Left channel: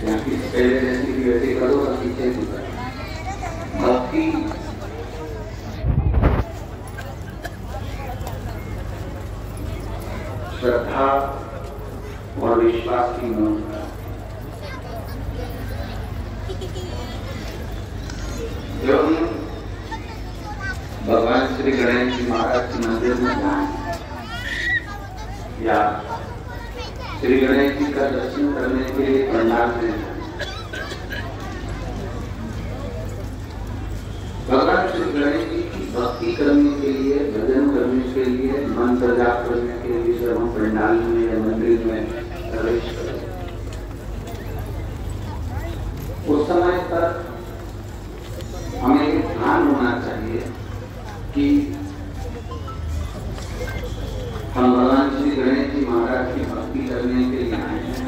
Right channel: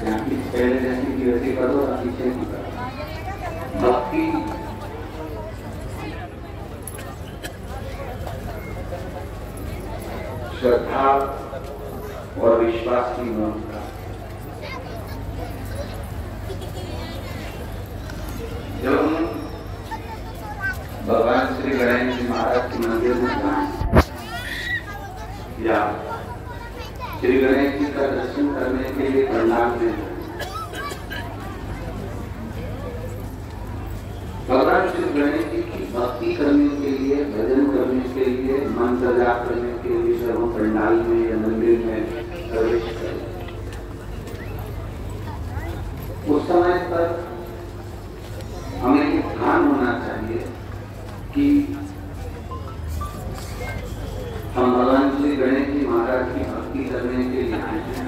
पहले जैसी भी वैसे करो और पीछे भी करो। भक्ति श्रद्धा और विश्वास की मूलता। जब हम भगवान श्री गणेश जी महाराज के मंदिर में जाएं या श्री गणेश जी का दर्शन करने के लिए पंडाल में, भगवान श्री गणेश जी की भक्ति करने के लिए, भजन करने के लिए, मंत्र जाप करने के लिए जब हम पंडाल में या मंदिर में प्रवेश करें, उस समय पर हमें ध्यान होना चाहिए कि हम भगवान श्री गणेश जी महाराज की भक्ति करने के लिए आए हैं।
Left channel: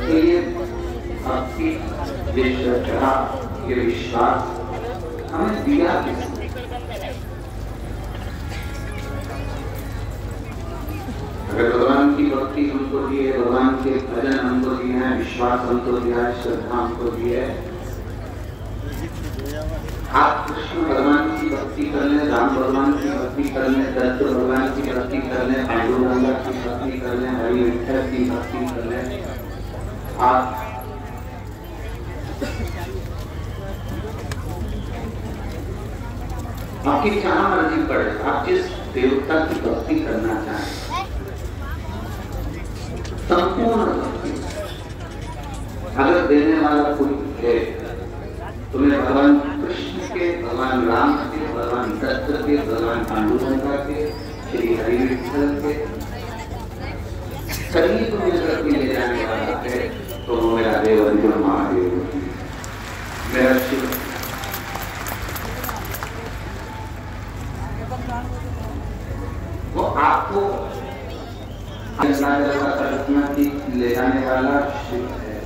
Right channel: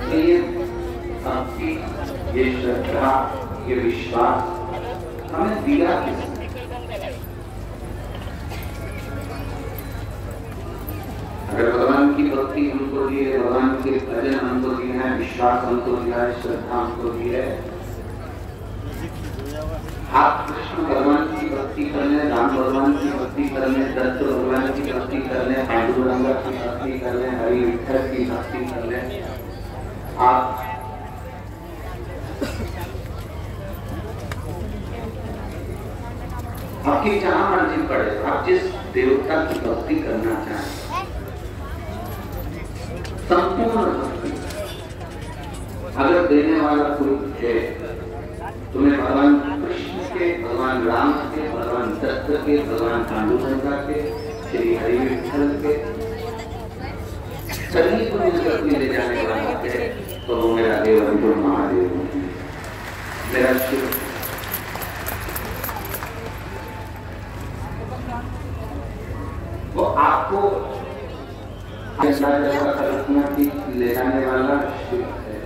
तो ये भक्ति, ये श्रद्धा, ये विश्वास हमें दिया किसने? अगर भगवान की भक्ति हमको दी है, भगवान के भजन हमको दिए हैं, विश्वास हमको दिया है, श्रद्धा हमको दी है, आप कृष्ण भगवान की भक्ति करने, राम भगवान की भक्ति करने, दत्त भगवान की भक्ति करने, पांडुरंग की भक्ति करने, हरि विठल की भक्ति करने, आप आपकी जहां मर्जी पड़े, आप जिस देवता की भक्ति करना चाहें, संपूर्ण भक्ति अगर देने वाला कोई है, तुम्हें भगवान कृष्ण के, भगवान राम के, भगवान दत्त के, भगवान पांडुरंग के, श्री हरि विठल के सभी को जगत में ले जाने वाला है, तो वो मेरा देव अर्जुन महादेव, मेरा शिव। वो आपको कल्पना की ले जाने वाला शिव है।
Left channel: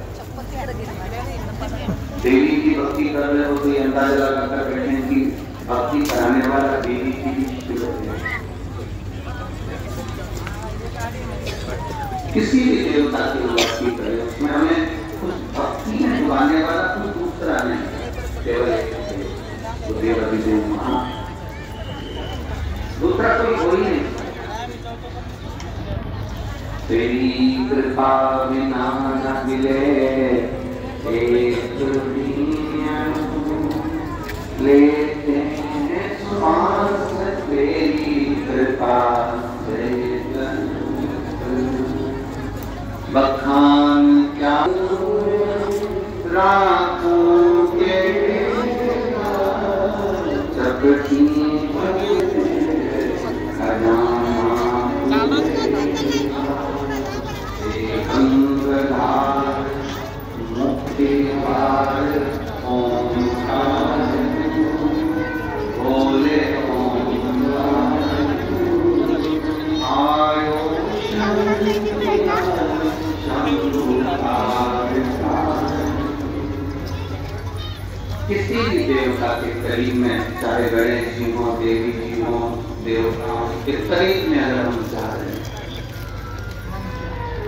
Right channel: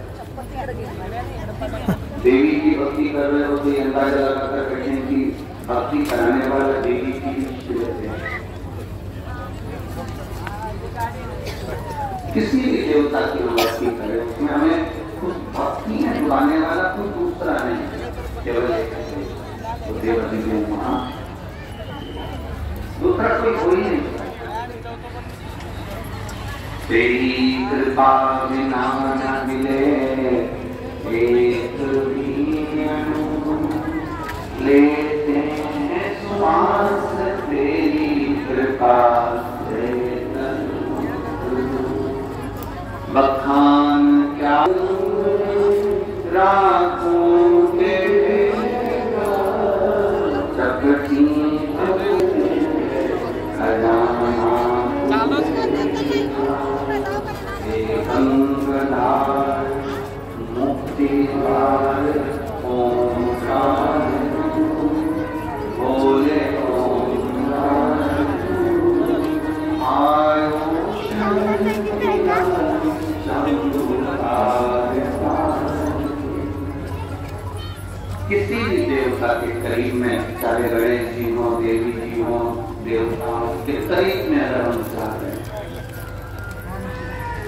देवी की भक्ति कर रहे हो तो ये अंदाजा लगाकर बैठे कि भक्ति कराने वाला देवी की शिव है। किसी भी देवता की भक्ति करें, उसमें हमें उस भक्ति में डुबाने वाला कोई दूसरा नहीं, केवल तो देव अधिदेव महा, दूसरा कोई हो ही नहीं। तेरी कृपा बिना न मिले एक लेते हैं श्वास, तेरी कृपा से बखान क्या रातों के चपटी किसी भी देवता के करीब में, चाहे गणेश जी हो, देवी जी हो, देवताओं के करीब में अगर हम जा रहे हैं,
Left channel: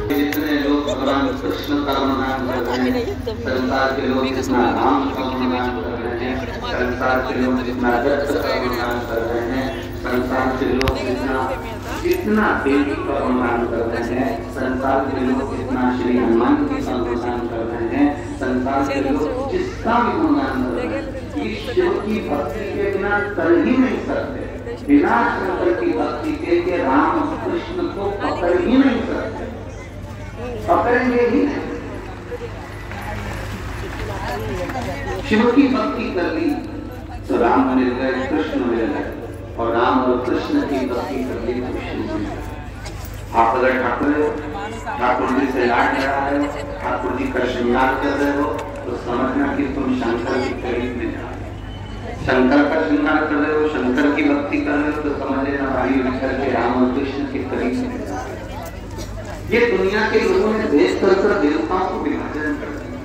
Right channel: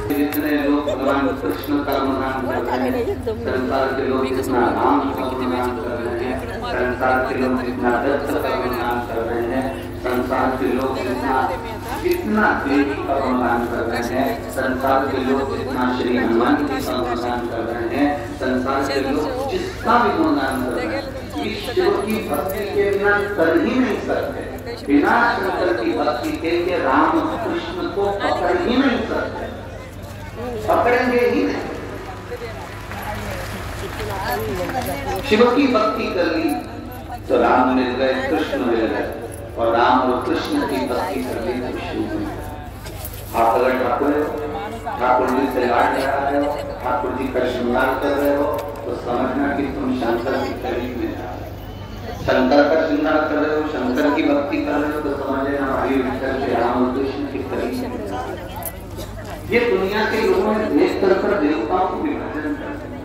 जितने लोग भगवान कृष्ण का गुणगान कर रहे हैं, संसार के लोग जितना राम का गुणगान कर रहे हैं, संसार के लोग जितना दत्त का गुणगान कर रहे हैं, संसार के लोग जितना देवी का गुणगान कर रहे हैं, संसार के लोग जितना श्री हनुमान जी का गुणगान कर रहे हैं, संसार के लोग जितना भी गुणगान कर रहे हैं, ईश्वर की भक्ति के बिना कर ही नहीं सकते। बिना शंकर की भक्ति के राम कृष्ण को पकड़ ही नहीं सकते, पकड़ेंगे ही नहीं। शिव की भक्ति कर ली तो राम मिल गए, कृष्ण मिल गए, और राम और कृष्ण की भक्ति कर ली तो शिव मिल गए। आप अगर ठाकुर हो, ठाकुर जी से लाड लगा रहे हो, ठाकुर जी का श्रृंगार कर रहे हो, तो समझना कि तुम शंकर के करीब में जाओ। शंकर का श्रृंगार कर रहे हो, शंकर की भक्ति कर रहे हो, तो समझ लेना हरि विठल के, राम और कृष्ण के करीब में जाओ। ये दुनिया के लोगों ने देश कर देवताओं को विभाजन कर दिया।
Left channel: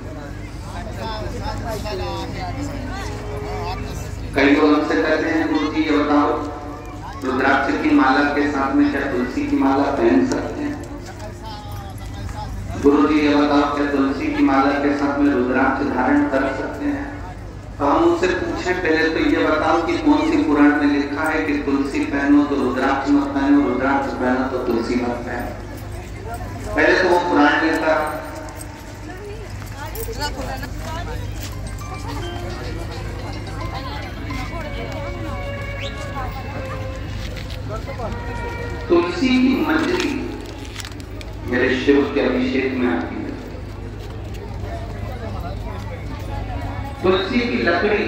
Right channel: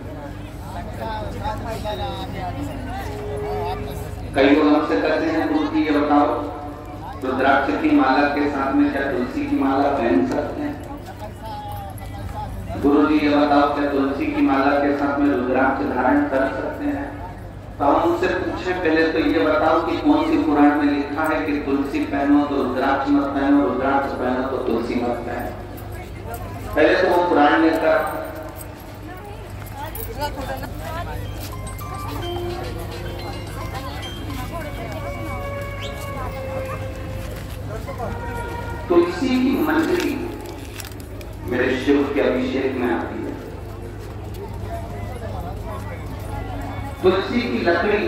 कई लोग हमसे कहते हैं गुरु जी ये बताओ, रुद्राक्ष की माला के साथ में क्या तुलसी की माला पहन सकते हैं? गुरु जी ये बताओ, क्या तुलसी की माला के रुद्राक्ष धारण कर सकते हैं। तो हम उनसे पूछे पहले तो ये बताओ कि कौन सी पुराण में लिखा है कि तुलसी पहनो तो रुद्राक्ष मत पहनो, रुद्राक्ष पहनो तो तुलसी मत पहनो। पहले तो वो पुराण लेकर तुलसी की मंजरी मेरे शिव के अभिषेक में आती है। तुलसी की लकड़ी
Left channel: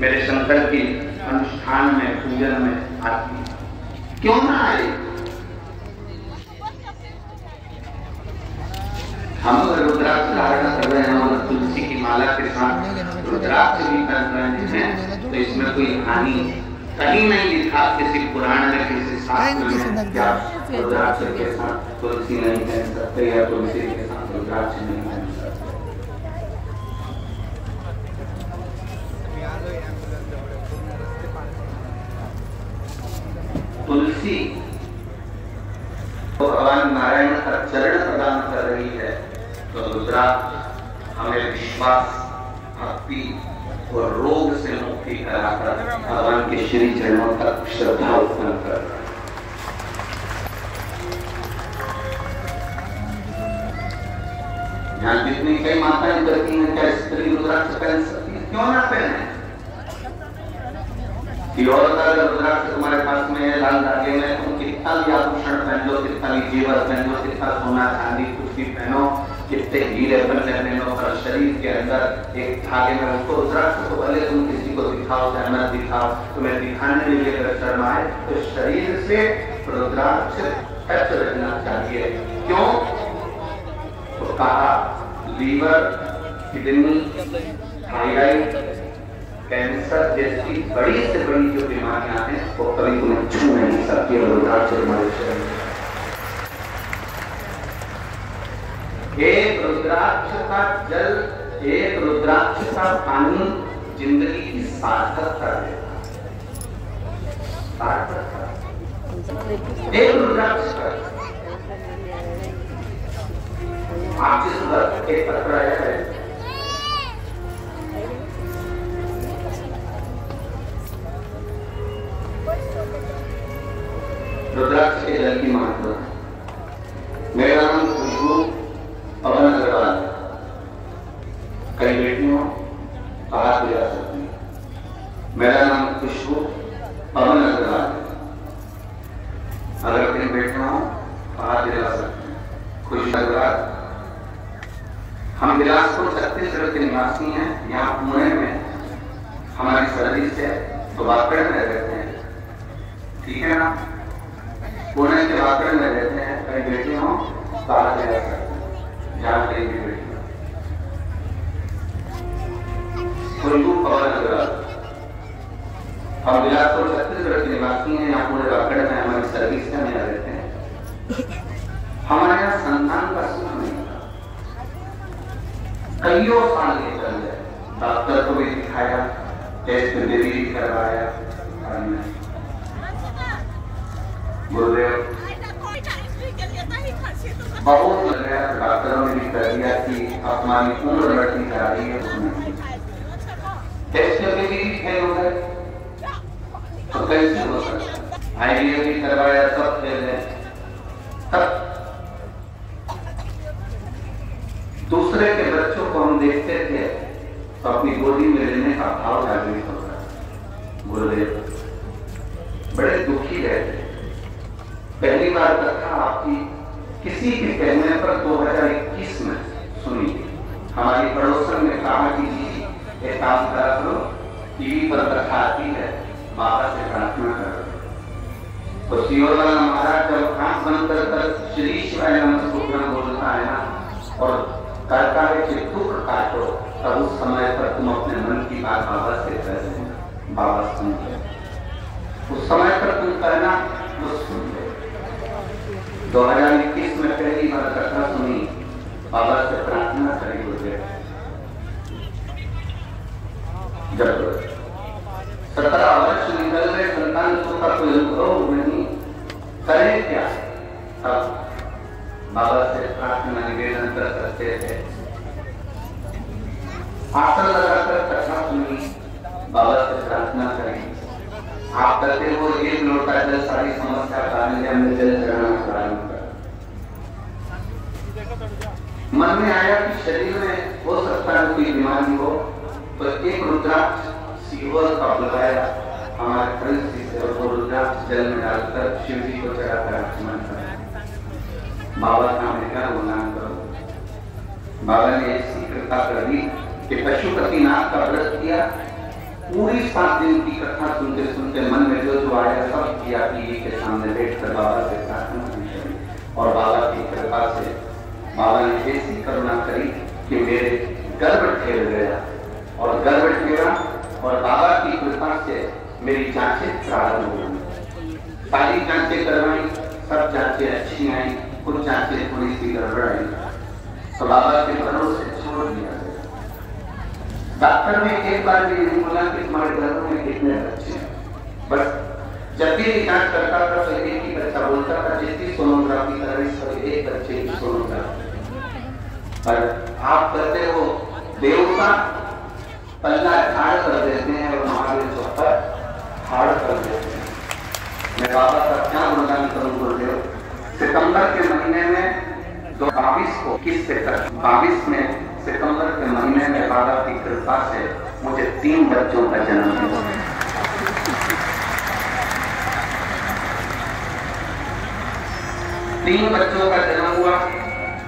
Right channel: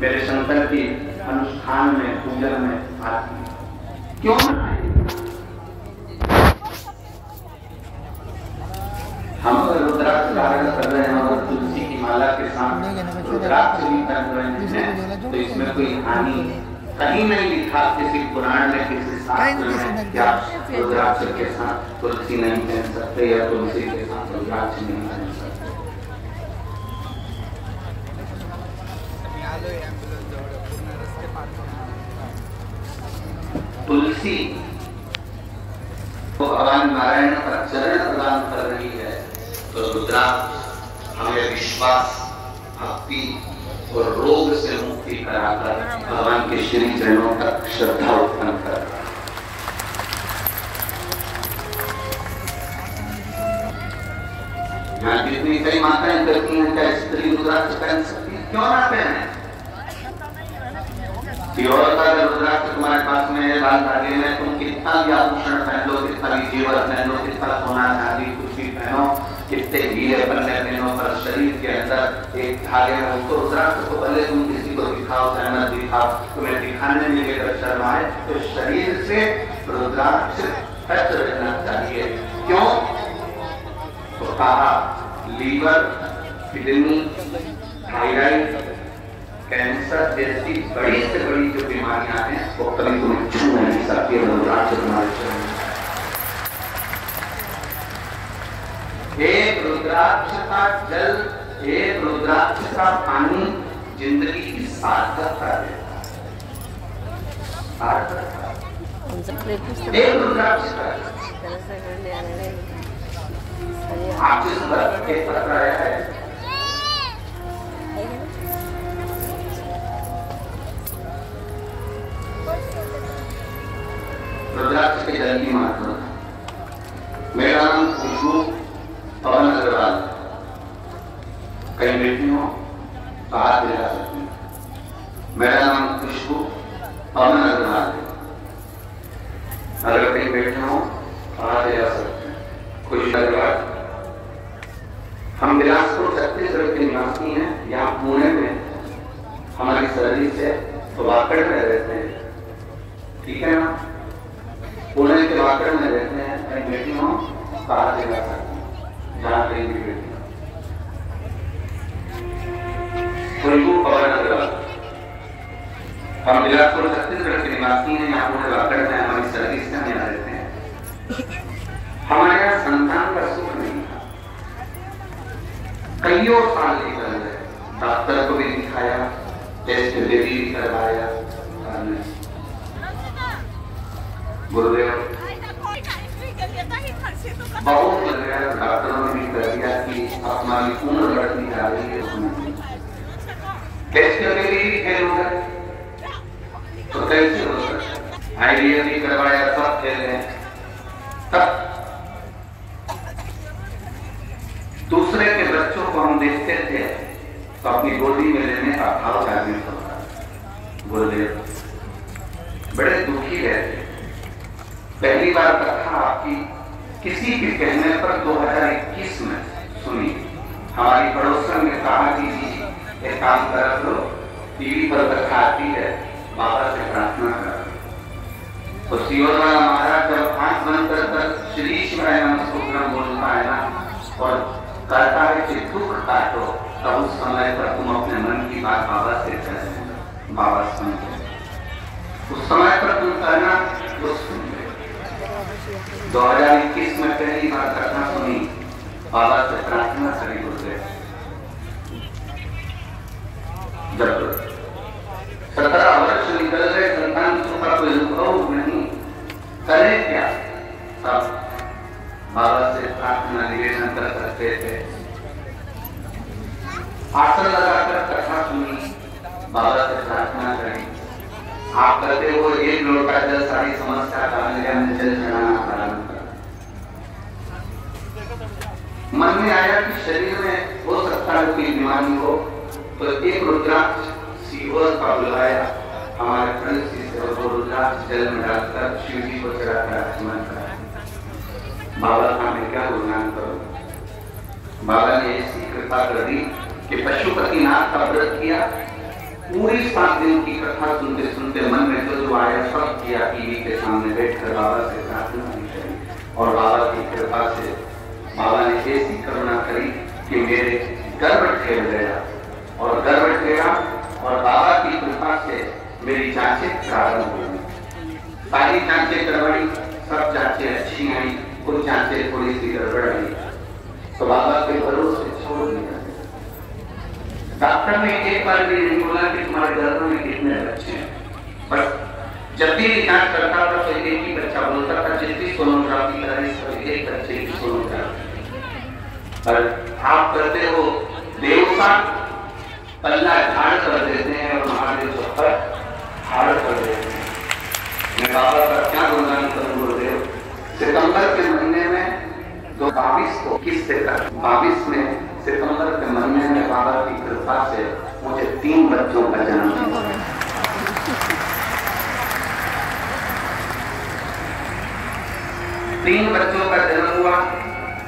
मेरे शंकर की अनुष्ठान में पूजन में आती है। क्यों ना आए? हम अगर रुद्राक्ष धारण कर रहे हैं और तुलसी की माला के साथ रुद्राक्ष भी पहन रहे हैं तो इसमें कोई हानि कहीं नहीं लिखा किसी पुराण में, किसी शास्त्र में क्या रुद्राक्ष के साथ तुलसी नहीं पहन सकते या तुलसी के साथ रुद्राक्ष नहीं पहन सकते। तुलसी तो भगवान नारायण का चरण प्रदान कर रही है, तो रुद्राक्ष हमें विश्वास, भक्ति और रोग से मुक्ति कराकर भगवान के श्री चरणों तक श्रद्धा उत्पन्न कर रहा है। यहाँ कितनी कई माताएं करती हैं, क्या स्त्री रुद्राक्ष पहन सकती है? क्यों ना पहने? और अगर रुद्राक्ष तुम्हारे पास में है लाल धागे में, तुम कितना भी आभूषण पहन लो, कितना भी जेवर पहन लो, कितना सोना चांदी कुछ भी पहनो, कितने हीरे पन्ने पहनो, पर शरीर के अंदर एक धागे में उसको रुद्राक्ष को भले तुम किसी को दिखाओ चाहे मत दिखाओ, तुम्हें दिखाने में लेकर शर्म आए तो शरीर से रुद्राक्ष टच रहना चाहिए। क्यों? तो कहा लीवर, किडनी, थायराइड, कैंसर जैसी बड़ी से बड़ी जो बीमारियां हैं वो कभी तुम्हें छू नहीं सकती रुद्राक्ष तुम्हारे शरीर में। एक रुद्राक्ष का जल, एक रुद्राक्ष का पानी जिंदगी की सार्थकता देता है। सार्थकता एक रुद्राक्ष का आप जिस दर्द के टकराया है, रुद्राक्ष के जल की महत्व। मेरा नाम खुशबू पवन अग्रवाल। कई बेटी हो तो हाथ मिला सकती हूँ। मेरा नाम खुशबू पवन अग्रवाल। अगर कई बेटे हो तो हाथ मिला सकते हैं। खुशी अग्रवाल। हम बिलासपुर छत्तीसगढ़ के निवासी हैं। यहाँ पुणे में हमारी सर्विस है तो वाकड़ में रहते हैं, ठीक है ना? पुणे के वाकड़ में रहते हैं। कई बेटी हो तो हाथ मिला सकते हैं, जहाँ कहीं भी बेटी हो। खुशबू पवन अग्रवाल। हम बिलासपुर छत्तीसगढ़ के निवासी हैं। यहाँ पुणे वाकड़ में हमारी सर्विस है, यहाँ रहते हैं। हमारे यहाँ संतान का सुख नहीं था, कईयों साल निकल गए। डॉक्टर को भी दिखाया, टेस्ट बेबी भी करवाया, गुरुदेव बहुत लग गया। डॉक्टरों ने भी कर दिया कि अपनी उम्र बढ़ती जा रही है, उसमें टेस्ट में भी फेल हो गए तो कैसे हो सकता? आईवीएफ भी करवाया, सब फेल गए। तब दूसरे के बच्चों को हम देखते थे तो अपनी गोदी में लेने का भाव जागृत होता है। गुरुदेव बड़े दुखी रहते। पहली बार कथा आपकी किसी के कहने पर 2021 में सुनी। हमारी पड़ोसन ने कहा कि एक काम करा करो, टीवी पर कथा आती है, बाबा से प्रार्थना करो। तो सियोर वाला महाराज जब आंख बंद कर श्री शिवाय नमः बोलता है ना और कहता है चित्तू काटो, तब उस समय पर तुम अपने मन की बात बाबा से करें। बाबा सुनते, उस समय पर तुम कहना वो सुनते। 2021 में पहली बार घटना सुनी, बाबा से प्रार्थना करी होते। जब 17 वर्ष निकल गए, संतान का कोई अनुभव नहीं, करें क्या? तब बाबा से प्रार्थना निवेदन कर सकते थे आसन लगाकर कथा सुनी, बाबा से प्रार्थना करें। आप करते हो एक लोटा जल सारी समस्या टालने में जल चढ़ाना प्रारंभ कर। मन में आया कि शरीर में हो सकता है कोई बीमारी हो, तो एक रुद्राक्ष सीवर का बुलाया, हमारे खड़े से रुद्राक्ष जल में डालकर शिव जी को चढ़ाकर आचमन कराया। बाबा का क्या गुणगान करो। बाबा ने ऐसी कृपा कर दी कि पशुपतिनाथ का व्रत किया, पूरी 7 दिन की कथा सुनते सुनते मन में जो आया सब किया, टीवी के सामने बैठकर बाबा से प्रार्थना की और बाबा की कृपा से बाबा ने ऐसी करुणा करी कि मेरे गर्भ ठेल गया और गर्भ ठेला और बाबा की कृपा से मेरी जांचें प्रारंभ हो गई। सारी जांचें करवाई, सब जांचें अच्छी आई, कुछ जांचें थोड़ी सी गड़बड़ आई, तो बाबा के भरोसे छोड़ दिया। डॉक्टर ने एक बार भी नहीं बोला कि तुम्हारे गर्भ में कितने बच्चे हैं, बस जब भी जांच करता था तो एक ही बच्चा बोलता था, जितनी सोनोग्राफी कराई सब एक बच्चे की सोनोग्राफी। पर आप करते हो देवता पल्ला झाड़ कर देते हैं और महादेव पर हाड़ कर देते हैं। मैं बाबा का क्या गुणगान करूं गुरुदेव। सितंबर के महीने में 22 को 22 में सितंबर के महीने में बाबा की कृपा से मुझे 3 बच्चों का जन्म हुआ। 3 बच्चों का जन्म हुआ।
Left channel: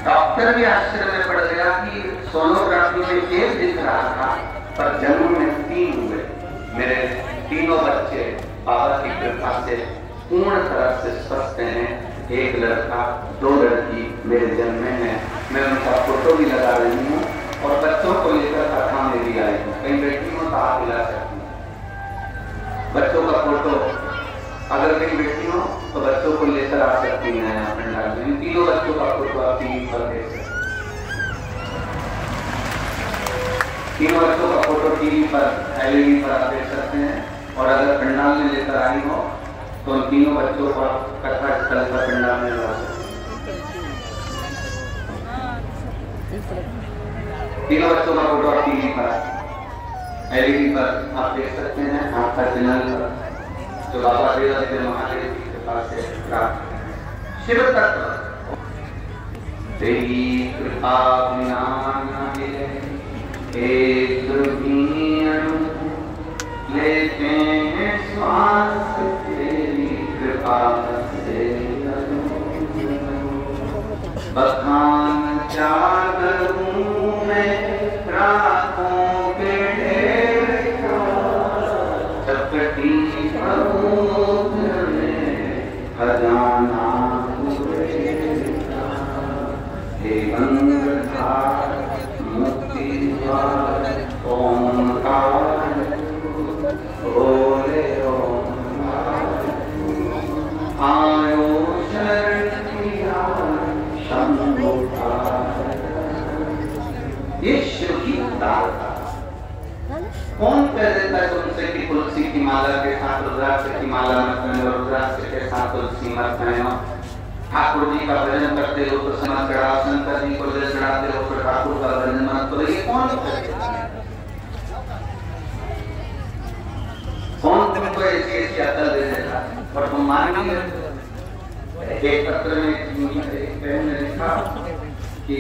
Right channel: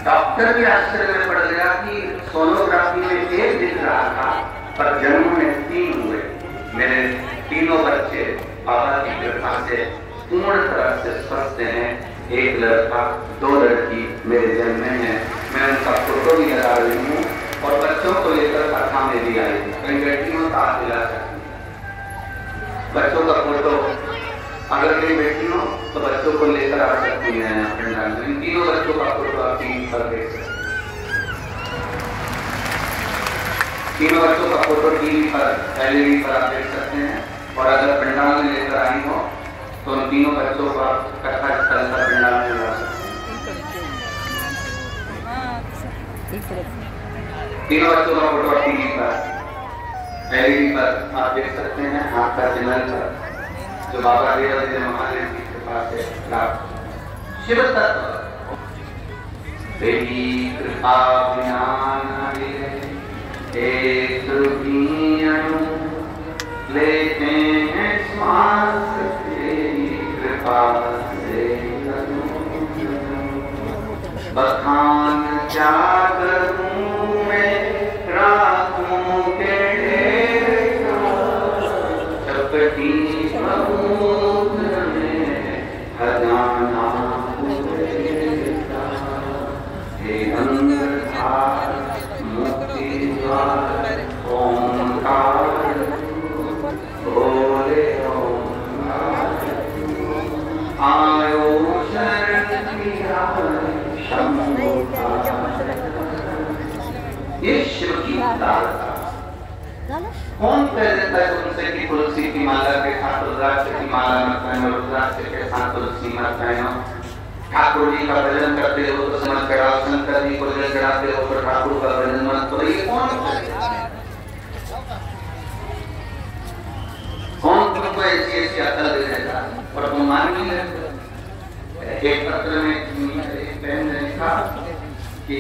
डॉक्टर भी आश्चर्य में पड़ गया कि सोनोग्राफी में 1 दिख रहा था पर जन्म में 3 हुए। मेरे तीनों बच्चे बाबा की कृपा से पूर्ण तरह से स्वस्थ हैं। 1 लड़का 2 लड़की मेरे जन्म में है। मैं उनका फोटो भी लगा रही हूँ और बच्चों को लेकर कथा में भी आई हूँ। कई बेटियों का आप दिला सकती हैं बच्चों का फोटो, अगर कई बेटी हो तो बच्चों को लेकर आ सकती हैं। इन तीनों बच्चों का फोटो आप टीवी पर देख सकते हैं। तीनों बच्चों का फोटो टीवी पर एलईडी पर आप देख सकते हैं। और अगर पंडाल में लेकर आई हो तो उन तीनों बच्चों का कथा स्थल पर पंडाल में ला सकते हैं। तीनों बच्चों का फोटो टीवी पर एलईडी पर आप देख सकते हैं। आपका चैनल पर जो बाबा देवादेव महादेव की कृपा से प्राप्त शिव तत्व तेरी कृपा बिना न मिले एक भी अणु लेते हैं श्वास तेरी कृपा से बखान क्या करूं मैं रातों के ढेर चपटी समुद्र में खजाना हे गंगाधार मुक्ति द्वार ओंकार बोले ओंकार आयो शरण किया शंभो। ये शिव की दाता। कौन कह देता है तुमसे कि तुलसी की माला के साथ रुद्राक्ष की माला मत पहनो, रुद्राक्ष के साथ तुलसी मत पहनो। ठाकुर जी का भजन करते हो तो समझ चढ़ाओ, शंकर जी को जल चढ़ाते हो तो ठाकुर का भजन मत करो। ये कौन तुमको ऐसी अकल दे देता और तुम मान नहीं लेते। एक पत्र में एक बहन ने लिखा कि